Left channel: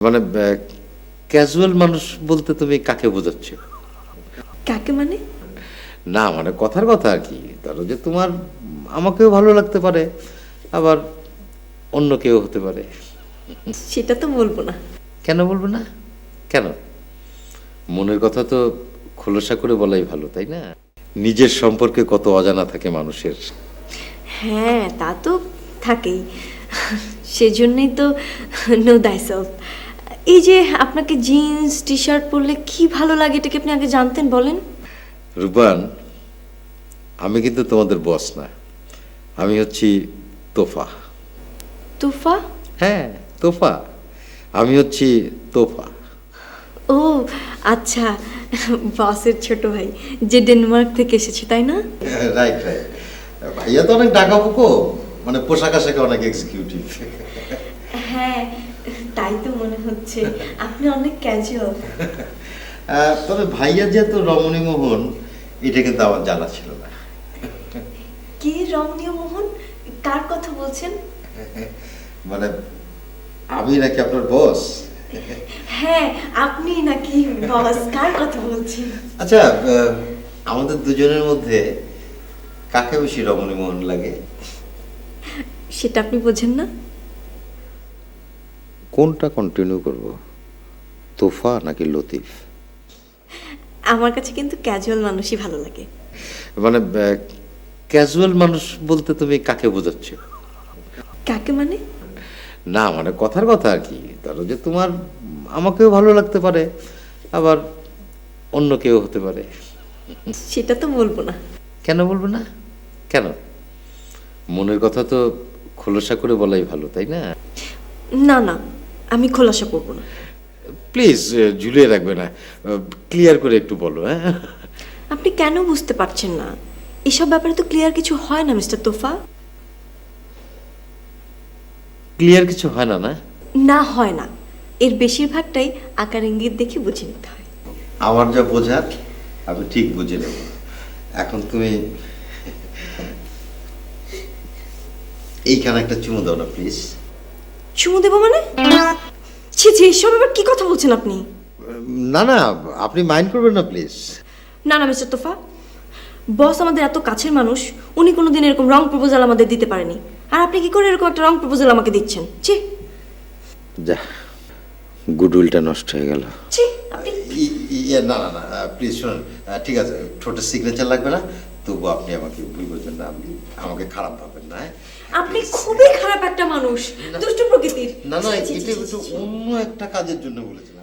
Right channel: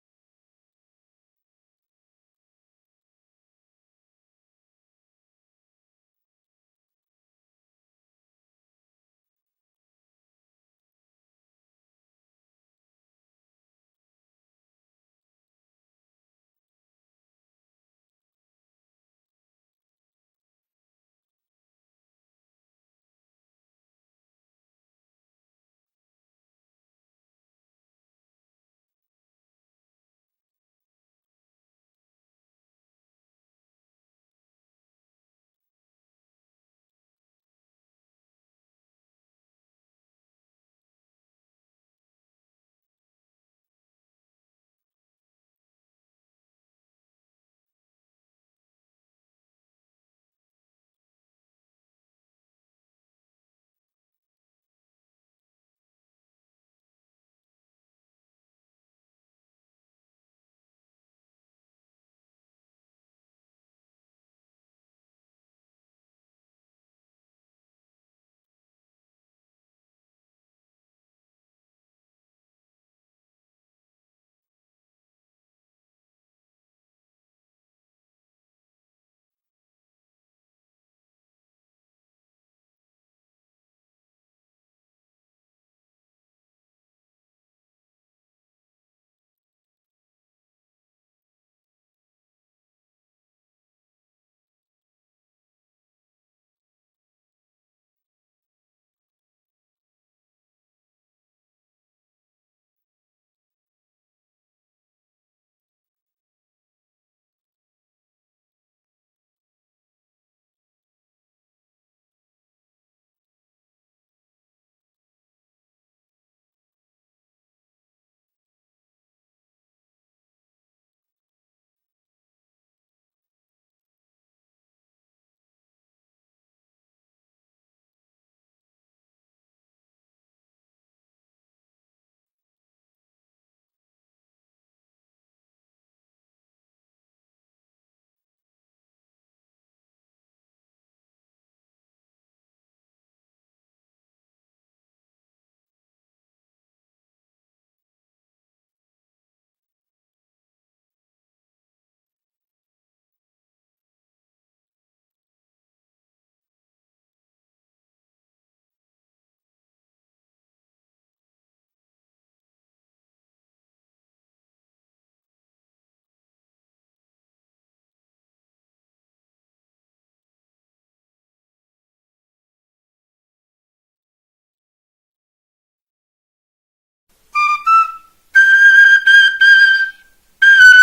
মানে ক্যাজুয়াল মানুষ বলতে তুমি কাকে বোঝাচ্ছ? কাকে মানে? না মানে কথার কথা আর কি। ধরো যে তোমার আমাকেও ভালো লাগতে পারে আবার অন্য কেউ হতে পারে। সেটা তো বলব না। কেন বলব না? কেন? মনের কথা তো খোলসা করে বলাই ভালো তাই না? নিজের সম্পর্কে কত অজানা থাকে মানুষের। হ্যাঁ তা তো থাকেই। সেজন্যই তো নো দাইসেলফ এই যে আপনাকে জিন্স টি শার্ট পরলে কি ভালো লাগে এটাকে আপনি আগে জানতেন বলেন? রূপান আমি কিন্তু তোমাদের বস না। আমি হচ্ছি তোফা। তোফা? হ্যাঁ তোফা। আমি হচ্ছি তোফা। ও আচ্ছা বসের ছোট ভাই যে ডেনমার্ক থেকে এসেছে তাই না? রাইট রাইট ভাইয়া তো অনেক ডাকা বুকো মানে পোশাক আশাকে অনেক এক্সিকিউটিভ হ্যাঁ তাই তো মনে হচ্ছে। আপনি অনেক ক্যাজুয়াল তবে ভাইয়া যেহেতু রমণী মোহন এটা কিন্তু আমার জানা ছিল না। কে রমণীয় মোহন? কার কথা বলছেন? মানে আমি নাকি আপনার বস হ্যাঁ আপনি নাকি বস কার কথা বলছেন? আচ্ছা আহ, আমাদের দুজনের মধ্যে কাকে বেশি রমণী মোহন লাগে? সেটা আপনি বোঝেন না। কোনটা কন্টিনিউ করব? তোফা নাকি লতিফ? আমার কাছে কিন্তু ক্যাজুয়াল মানুষই ভালো লাগে। মানে ক্যাজুয়াল মানুষ বলতে তুমি কাকে বোঝাচ্ছ? কাকে মানে? না মানে কথার কথা আর কি। ধরো যে তোমার আমাকেও ভালো লাগতে পারে আবার অন্য কেউ হতে পারে। সেটা তো বলব না। কেন বলব না? কেন? মনের কথা তো খোলসা করে বলাই ভালো তাই না? না না। আমি খোলাসা করব না। প্লিজ ঝুলিয়ে রাখবে না। ক্লিয়ার করে একটু বলো হ্যাঁ? আপনি কেন বুঝতে পারছেন না? এসব ব্যাপারে তো ক্লিয়ার কিছু হয় না মিস্টার তোফা। ক্লিয়ার কিছু হয় না না? না হয় না। এর বেশিরভাগটাই আকার ইঙ্গিত দেখে বুঝে নিতে হয়। আমার যা বোঝার আমি ঠিক বুঝে নেব। এখন তুমি এইখানে একটা চুমু দাও না প্লিজ চুমু দেবো মানে? ছি ছি এসব আবার কি কথা বলছেন আপনি? না না আপনি মাইন্ড করবেন না প্লিজ না না মিস্টার তোফা। বস আমাদের এত কাছের মানুষ উনি কোনোদিন এরকম রং প্রপোজাল আমাদের দিতে পারেনি। আর আপনি কি করে এরকম একটা রং প্রপোজাল আমাকে দিচ্ছেন? ছি। যা গুডউইলটা নষ্ট হয়ে গেল। ছি আপনি ইয়ে, না না না প্লিজ শুনুন ঠিক আছে ছোট সিগনেচার লাগবে না তবু আপনি আমাকে ভুল করবেন না আপনি আমাকে খারাপ ভাবেন না হ্যাঁ? আপনি খুবই খারাপ একটা মানুষ দুষ্ট প্রকৃতির। না না অন্য একটা কাজের জন্য বলেছি